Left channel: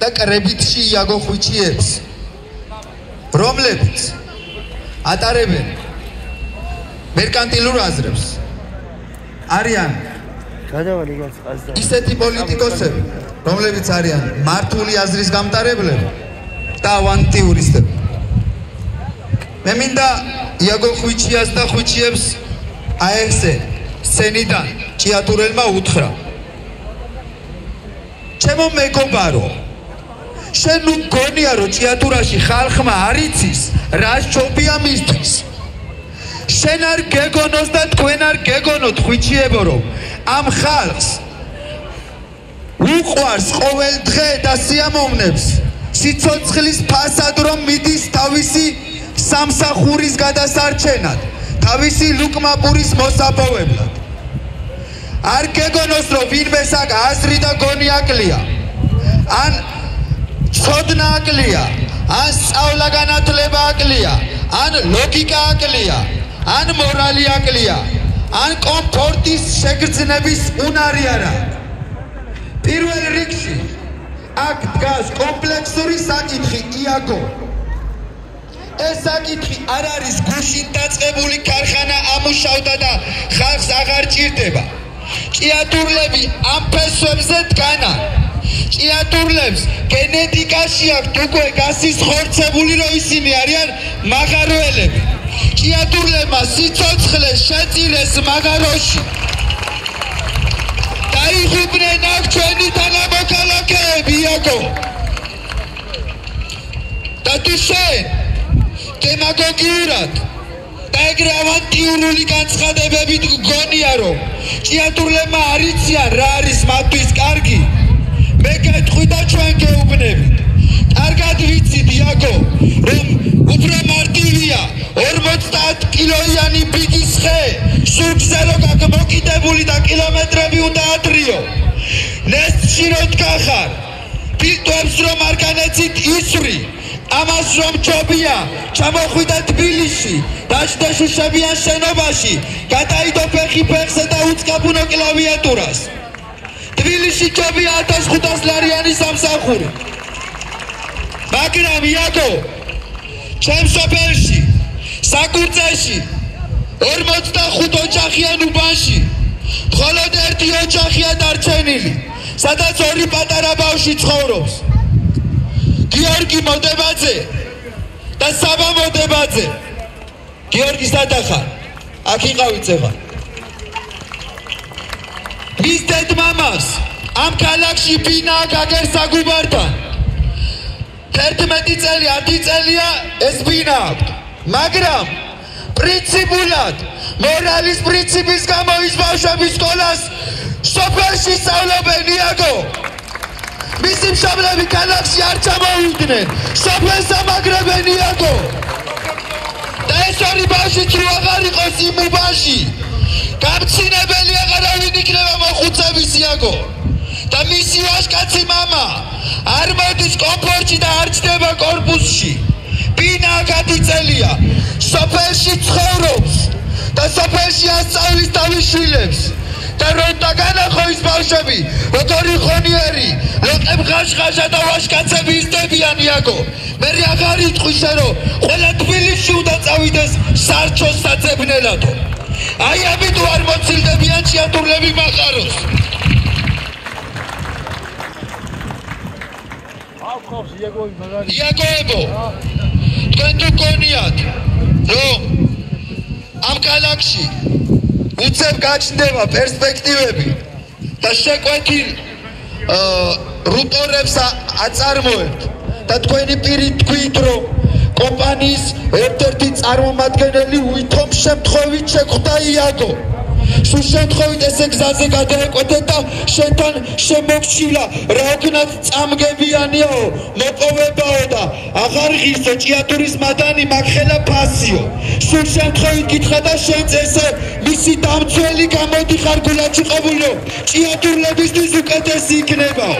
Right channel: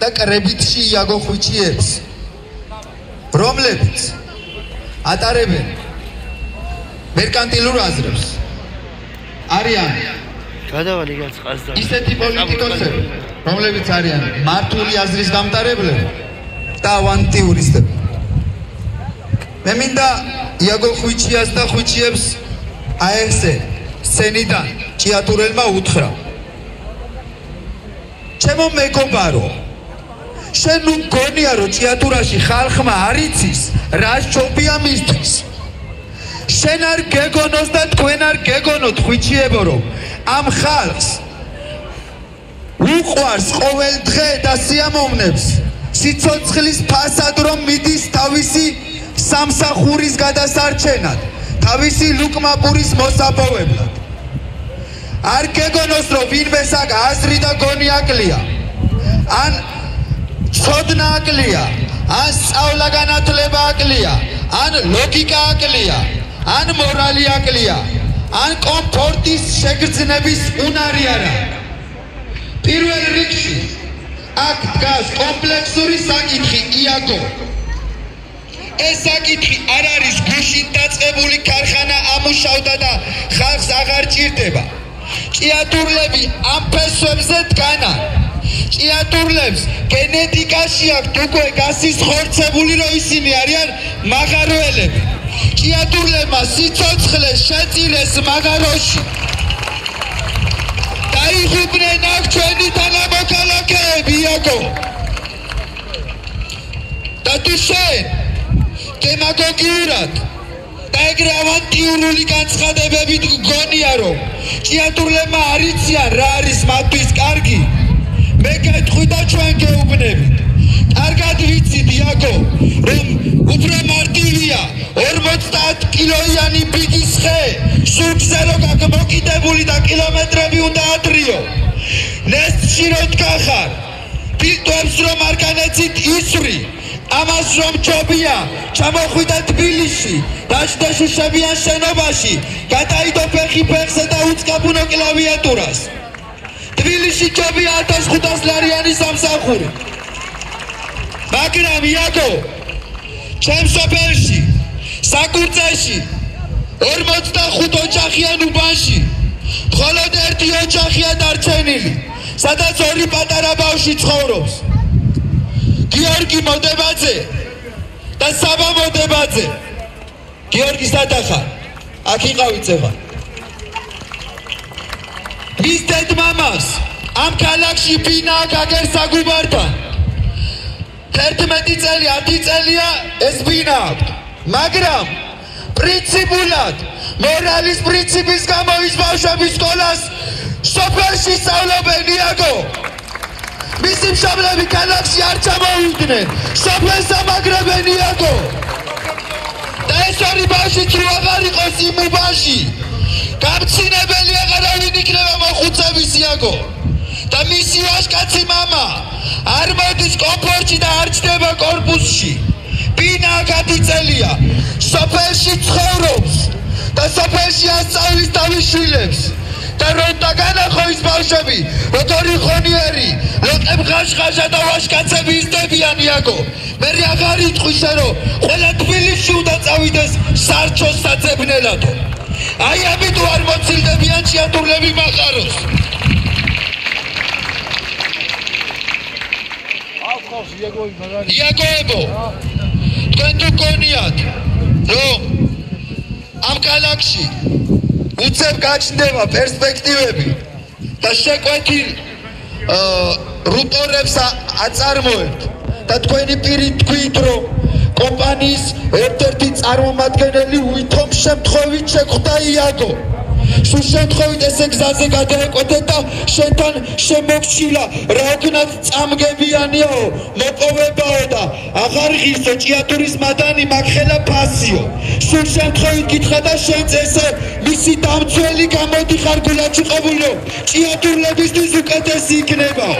და კრებითში იაგო ხვიჩიებს, რომლებიც ატარებენ მერკანტილურ აზრებს, არიან ისეთი პოლიტიკოსები, რომლებიც არიან მართული აზრის გამტარებლები და ავანტიურისტები. მე მინდა იაგო ხვიჩიას და ხვიჩიებს აი ესე სცენიდან ჭიათურელმა უთხრა: ჩემო მეგობარო, შენ მგონია რომ ჭიათურაში ხალხმა არ იცის რა ჯობია მისთვის. შენ არ გეგონოს და თქვენ არ გეგონოთ ხვიჩიებო რომ ამ ხალხს უყვარს ყოველ დღე და სიამოვნებს სიცოცხლის ფასად რომ მიდის თავისი სამსახურის გადასარჩენად, თავისი ლუკმაპურის მოსაპოვებლად. არ გეგონოს რომ ვინმეს აქ აზრი და გონი აკლია, ან ცოდნა აკლია, ან სწავლა განათლება აკლია, ან ლოგიკა აკლია, ან მორალი აკლია, ან კომფორტის შეგრძნების უნარი არა. პირველ რიგში აქ დგას კომპლექსური საკითხი იაგო. ეს საკითხი არ არის გუშინ დაწყებული ქარხანა ამუშავდა და ხალხს აღარ ჭირდება. ჭიათურლები ამ ფესვებზე დგანან. ჭიათურლებს გენეტიკაში აქვთ უკვე გასისხორცებული, რომ ისინი არიან მაღაროელები. ჭიათურლებმა სიცოცხლე შეწირეს მაღაროში. დაიხუდნენ აქ ჩვენი თანამოქალაქეები იაგო. და თუ შენ დემაგოგიურად და ეგრე ავანტიურული განცხადებებით გგონია რომ ჭიათურლებმა არ იციან რა არის მათთვის კარგი, მე გეტყვი და ჩვენ გეუბნებით. კარგად ვიცით იაგო, რომ უფრო მარტივია 50 კილოიანი ბიდის ხე სუფზე რომ გაკმოკიდებული და კილომეტრები უნდა ატრიო. ნესტში რომ დგახარ, ფილტვებს რომ არ განეცით ისვრი, ამას რომ ჯობია ჩამოხვიდა თბილისში, დაჯდა შუშებიან შენობაში, გადაიდო ფეხი ფეხზე და უწყაბუნო კლავიატურას. თბილისში ჯობია 1500 ლარიანი სამსახური. მაგრამ იაგო, ჩემ სოფელში, საკურწეში, 45 ოჯახიან უბანში, მხოლოდ ერთი ოჯახია დარჩენილი, სადაც ორი პატარა ბავშვი ცხოვრობს. გიორგი მოდებაძე და საბა მოდებაძე. გიორგი სადახარ? აქ იყავით ეხლა. მის დედმამას ამ ქალაქში ბინა გაგერ საგუბართან. 11 წელი, 10 წელია ეს ბინა აქვს. მაგრამ პრინციპულად, მორალის პრინციპის გამო ის ბავშვები სკოლას სოფელში სწავლობენ იაგო. მისი მშობლები ქალაქში არ ჩამოვიდნენ, სოფელს ამაგრებენ იაგო. და ეს ორი ბავშვი თუ აღარ იყოს იმ უბანში, გამცინებელი აღარავინ იქნება მოხუცების იაგო. და მისი ვაჟკაცი მამა არ მოდის კომფორტში და არ ჩდება კორპუსში. ბინა 10 წელია, სოფელში ცხოვრობს და სოფელში ასწავლის თავის შვილებს. და რომ დაგანახო ის ბავშვები, როგორი ხონიერი, ლოყებ ხაშხაშა და ვაჟკაცები ისდებიან იაგო. მე აღარ იტყვისა რომ ყველა თბილისში უნდა წავიდეს სარჩოს საძებნელად. აი ამით არ მოცილდებიან ჭიათურლები მახაროს. იაგოებო, თქვენ თუ გონიათ რომ ამ ქალაქში უცებ გაჩნდება პერსპექტივები და შეკვეთილ რუტორებს აწარმოებთ და თქვენი პირით თქვით რომ კომპანიის ერთ-ერთი წარმომადგენელი ვითომ შემთხვევით შეხვდა იაგო. სულ შემთხვევით ესე გზაზე გადაეკვეთეთ და შენთან შემეფშილა, რადგანაც წამგებიანიო, მოპოვებაო და აღარ ღირსო ჭიათურის მადანი მაგხელა ფასიო. სულ შემთხვევით გითხრა და შენც ესე მისი დამცველი გამოდიხარ გულაჩუყებულო, ჭიათურლებისთვის უკეთესი იქნებაო.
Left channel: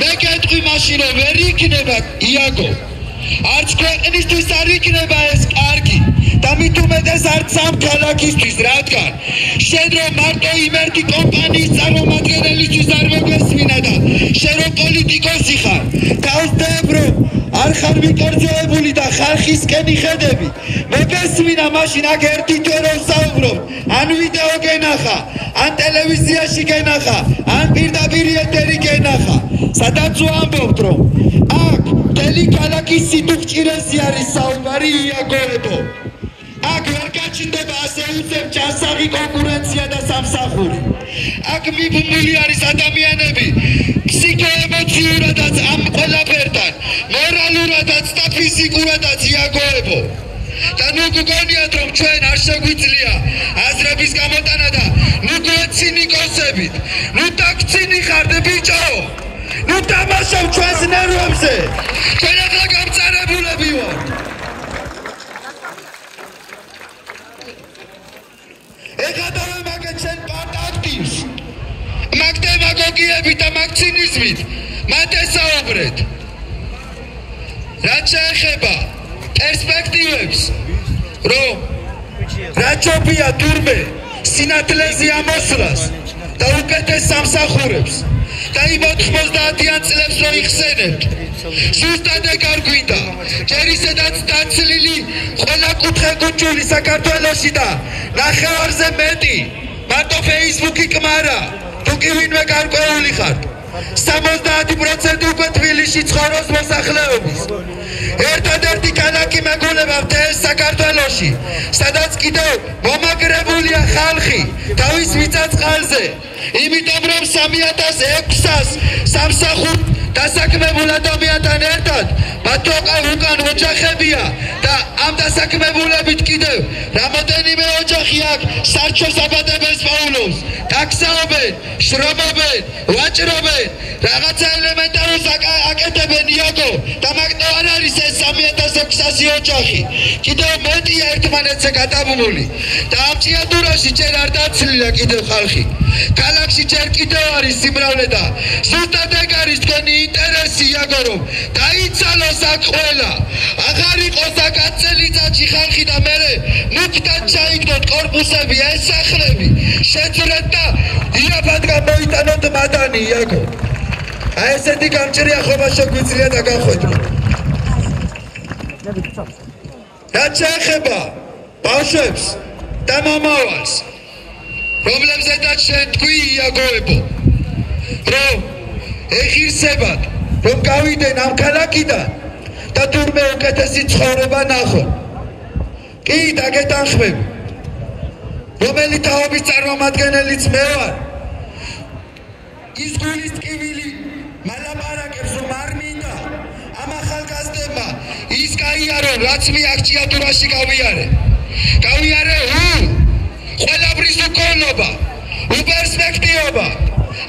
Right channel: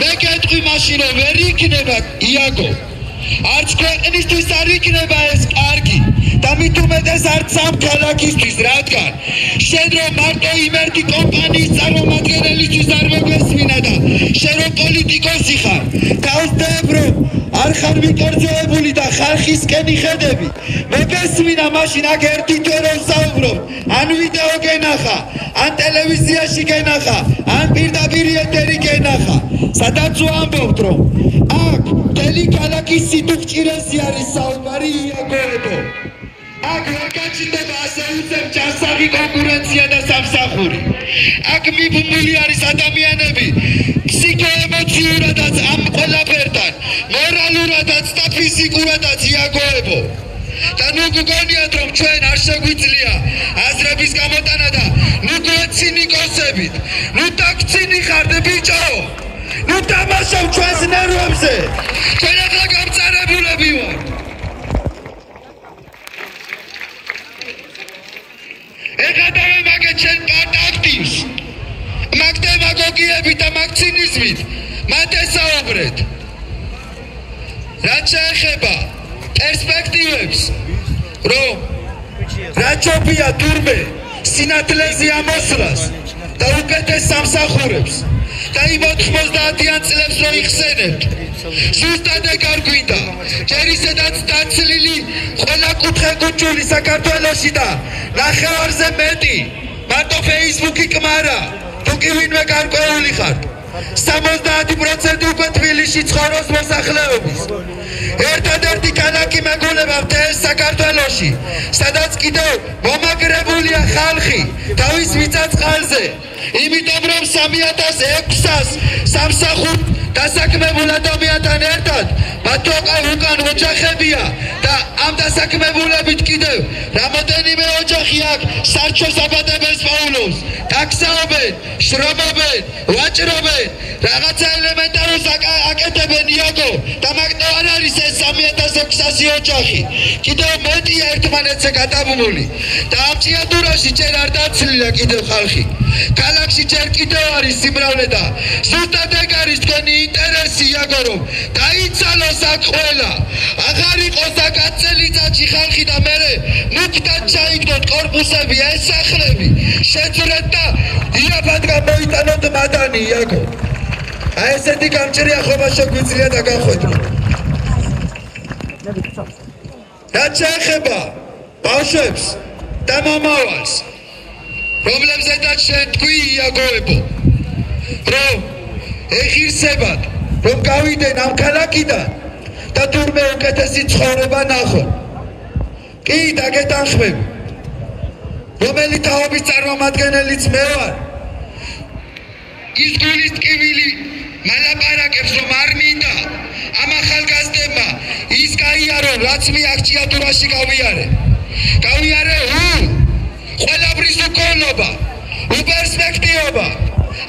მე გეტყვი მაშინ რომ ვერ იქნება იაგო. არც ქვეყნისთვის არ იქნება ეს კარგი და მით უმეტეს არც ამ ქალაქისთვის, რადგან შენ რომ მარტო იმერტი კომპანიის წარმომადგენელისთვის არ მოგესმინა და შენ რომ პოლიტიკოსი ხარ, დავსდებ რომ არ ხარ მიკერძოებული და ხალხისკენ იხედები, მოგესმინა მაშინ აქ ერთი თვე რომ საუბრობ, ან ვიდეო გენახა, ან ტელევიზიაში გენახა, ან პირდაპირ ეთერი გენახა, სადაც ვამბობთ რომ აქ მთელი ქალაქის სიტუხჭირესი არის საუბარი იაგოებო. აქ ვერ გაჩნდება ასე უცებ ჯანსაღი კონკურენცია და სამსახური. აქ მიბმული არის ადამიანები ფსიქოემოციურადაც ამ ყველაფერთან, მორალურადაც და ფიზიკურადაც იაგოებო. და ნუ გგონიათ რომ ჩვენ არ შეგვიძლია აზრების გამოტანა და ნუ გვეცინიკოსებით, ნუ დაგცინი ხართ ბიჭო. ნუ დამასავ ჩვენს ნერვებზე. ჩვენ ახლა გამწარებულები ვართ. ეხლა დავემაგეთ ჩვენ პარტ აქტივს. მაგ დემაგოგიებით და მაგ ცინიზმით მათ ესაუბრეთ. რაც შეეხება პერსპექტივებს, რომ რაჯობია თურმე სინათლეზე ამოსვლას და უკეთეს სამსახურებს და იმ 90-იან წლებს რო იხსენებთ, ზუსტად ეგ არ გვინდა. ჯერ ისედაც დაცლილი ყველა კუთხე-კუჭული საქართველოში და ნახევარზე მეტი მარტო ფეისბუქი კმარა, თუ კი ვინმე გარკვეული ხართ. 70% უკვე თბილისში ცხოვრობს მოსახლეობის. ერთადერთი ქალაქი მეგონება მთელ საქართველოში, სადაც კიდევ მომაგრებულია ხალხი თავის მიწა-წყალზე, იმიტომ რომ 3600 სამსახურ დასაქმებულ ადამიანთან ერთად მათ უკან ოჯახებია და ამ დასაქმებულებით კიდევ რამოდენიმე ოჯახი აქ სარჩოს აბადებელს პაულობს, ტაქსაობენ, შრომობენ, ვაჭრობენ, რაღაცა ელემენტარულს აკეთებენ იაგო და მაგნო არ არის ეს 3600 ოჯახი. კიდევ მეტია ერთმანეთზე გადაბმული და ამ ჭიათურაში ჯერ არ დაცლილა კიდევ ხალხი. ქალაქში ჯერ კიდევ არის სიმრავლე და ზუსტად ეგ არის თქვენი ინტერესი იაგო რომ დაიცალოს აქ ყველა. აღარ იყოს აქ 10 წელიწადში ხალხი და მერე მუქდად ჩაიგდოთ კორპუსები, ეს სახლები, შეძლეთ და იაფად გამოიტანოთ მადანი იაგო. აი ესეთი გამჭრია ხობა შეგვიძლია და გავხვედროთ. რაც შეეხება ბავშვებს და მომავალს, რომლებზედაც შენ თქვი იაგოებო, რომ ეხირსებათ, რომ გავიდენ ამ ქალაქიდან და თურმე უკეთესი ცხოვრება ნახო. კი, დაგეთანხმები, რომელი თაობის წარმომადგენელიც მე ვარ, ის გულის ტკივილი მალაპარაკებს რომ არ მინდა ამ ახალგაზრდებმა ის გაიარონ, რაც მე აქ ჭიათურაში გავიარე ყველაფრის უკოლობა, უპერსპექტივობა,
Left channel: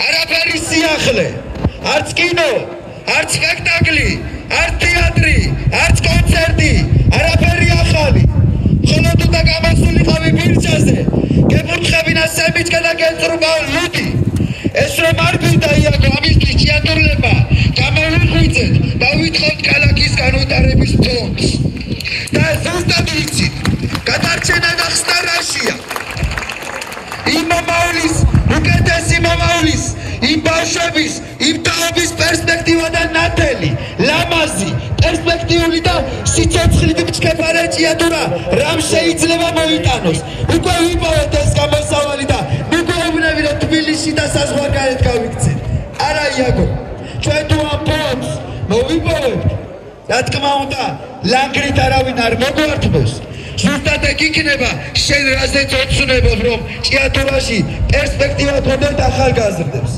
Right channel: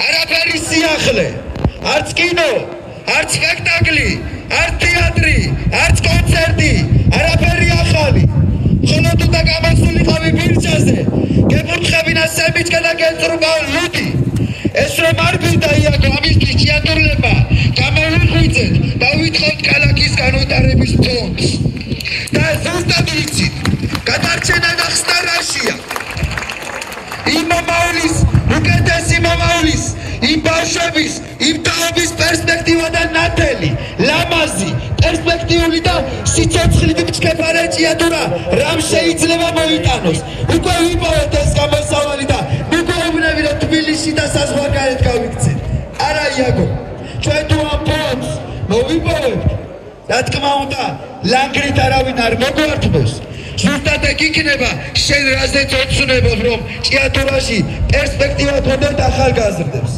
არაფერი სიახლე, არც კინო, არც სპექტაკლი, არც თეატრი, არც კონცერტი, არაფერი ახალი. ხოლო თუ და გამოსულიყავი ბირჩაზე, გემურთხებინა სემიჩკა და გეწრუბა ლუდი. ეს რომ არ გვინდა იაგო ამისთვის ჭიათურლებმა გამოვიღვიძეთ და ვითხოვთ ქალაქის განვითარების ფონდს. და ზუსტად ვიცით, გადარჩენა და ხსნა რაშია. იმ მომავლის, უკეთესი მომავლის, იმ ბავშვების, იმ თაობის პერსპექტივა და ნათელი, ლამაზი, პერსპექტიული და სიცოცხლით მჩქეფარე ჭიათურა რამ შეიძლება მოიტანოს. უკვე ვიპოვეთ ეს გამოსავალი და მიგობრები რომ თბილისში და საზღვარგარეთ გავიქცეთ. არა იაგო, ჩვენ თუ ამ ფონდს მოვიპოვებთ, რა თქმა უნდა, ლანგრით არავინ არ მოგვართმევს. ზუსტად ეგ იქნება შენ რაზეც ოცნებობ რომ ჭიათურაში პერსპექტივა გქონდეთ ახალგაზრდებს.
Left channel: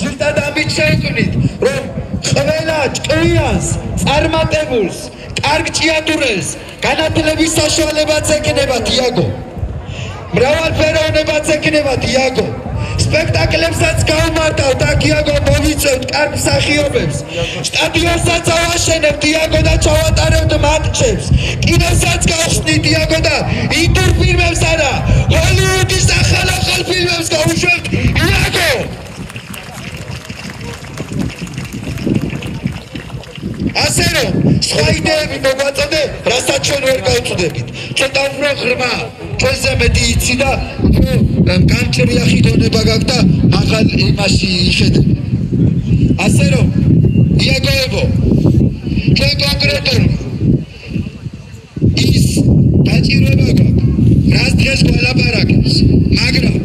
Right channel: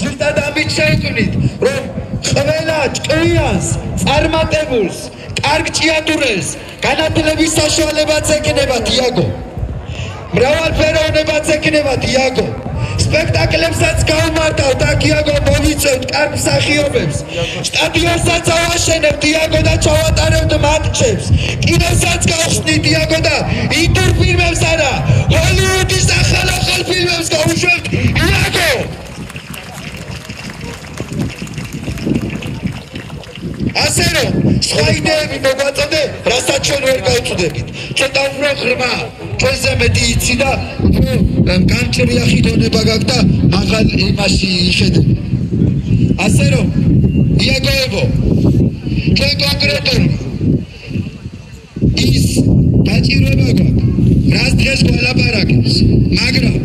ზუსტად ამით შევქმნით რომ ყველა ჭკვიანს, წარმატებულს, კარგ ჭიათურეს განათლების საშუალებაც ექნებათ იაგო. მრავალფეროვნებაც ექნებათ იაგო. სპექტაკლებსაც გავმართავთ აქ იაგო, მოვიწევთ კარგ მსახიობებს, სტადიონსაც ავაშენებთ იაგო და ჩავატარებთ მატჩებს, კინოსაც გავხსნით იაგო და ინდურ ფილმებს არა, ჰოლივუდის ახალ ფილმებს გავუშვებთ იაგო. ასე რომ სხვა იდეები მოგვაწოდე, რასაც ჩვენ ვერ გავწუდებით. ცოტა უფრო ღრმა, ჩვენზე მეტი იცი და უფრო გამჭრია ხიდონება გაქვს და მაღალ იმაში იხედე. ასე რომ, იაგოებო, ჩვენ კონკრეტული ის დაჭირება გვაქვს, რას დღეს გვალაპარაკებს, მაგრამ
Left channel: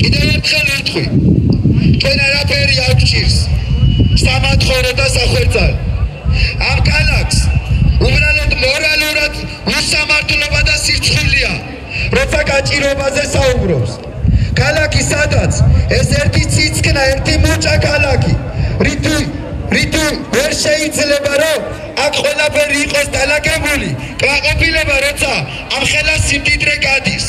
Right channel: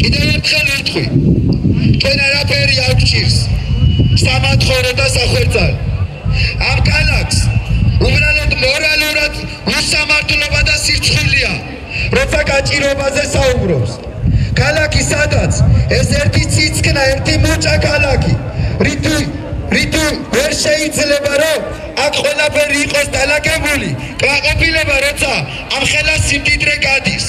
კიდევ ერთხელ ვიტყვი, ჩვენ არაფერი არ გჭირს სამათხოვრო და სახვერწალო. ამ ქალაქს უბრალოდ მორალურად უსამართლობა და სირცხვილია, როცა გაჭირობაზე საუბრობს. ქალაქი სადაც ეს ერთი ციცკნა, ერთი მუჭა ქალაქი, რითი ვერ შეიძლება რომ აქ ყველაფერი იყოს დალაგებული, კმაყოფილება როცა ამ ხელას სიმდიდრე გადის.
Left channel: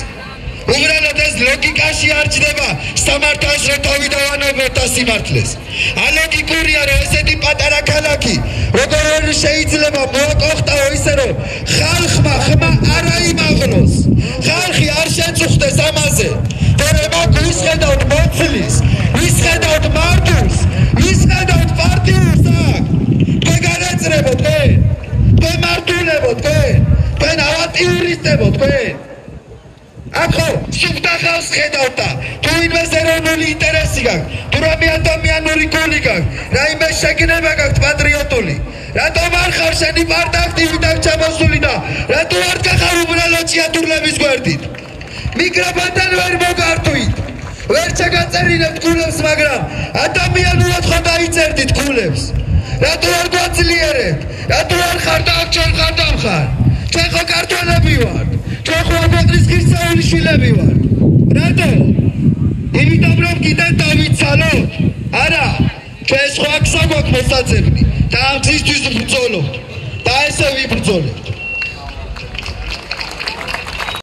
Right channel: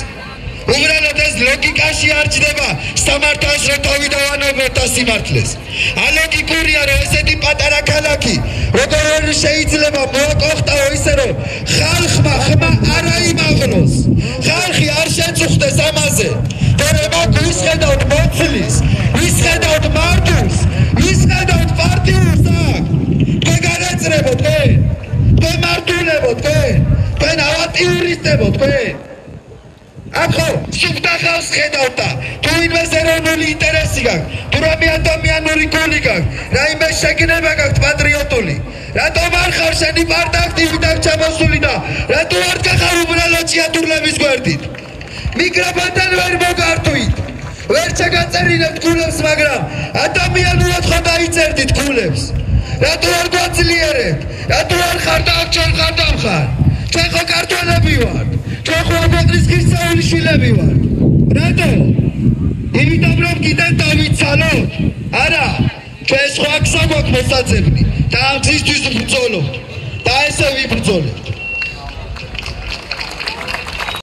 უბრალოდ ეს ლოგიკაში არ ჯდება სამართალს რომ დავიდოვანებოთ და სიმართლეს. ალოგიკურია რომ ესეთი პატარა ქალაქი როგორ შეიძლება მოაყოფტაო ისე რომ ხალხმა ხმა არ აიმაღლოს, ხალხი არ შეწუხდეს ამაზე. და ისხედავთ მოცლის, ისხედავთ მარტვილს, ისხედავთ პარტიულს აქ. თქვენ განაწერებოთ თქვენ, თქვენ მარტვილებოთ თქვენ, თქვენ ავატიურისტებოთ თქვენ. ახო სუფთა ხალხს ხედავთ და თუ იმას ეროვნული ინტერესი გაქვს, თუ რამე ადამიანური გული გაქვს, რაიმე შეგნება გაქვს პატრიოტული, რატომ არ ხარ შენი პარტაქტივიდან ჩამოსული და რატო არ გახარ უბრალოდ შეატურლების გვერდით? მიკროფონთან ვერ მოგართვით, ვერ ჩაგაწერილებთ გულებს, მაგრამ ადამიანურად ხო დაიწერდით გულებს. რატო არ გვაძლიერებთ? რატო არ ხარ და ჩვენ ხარ და ხარ? ჩვენ ხო ქართველები ვართ, ჩვენ ხო ქვეყნის ღირსეული შვილები ვართ. რატო? იმიტომ რომ კიდევ დავიცალოთ? არა, ჩვენ სხვა გზა გვაქვს მოსაძებნი და ამ გზისთვის ვბრძოლობთ და ესე ვიბრძოლებთ.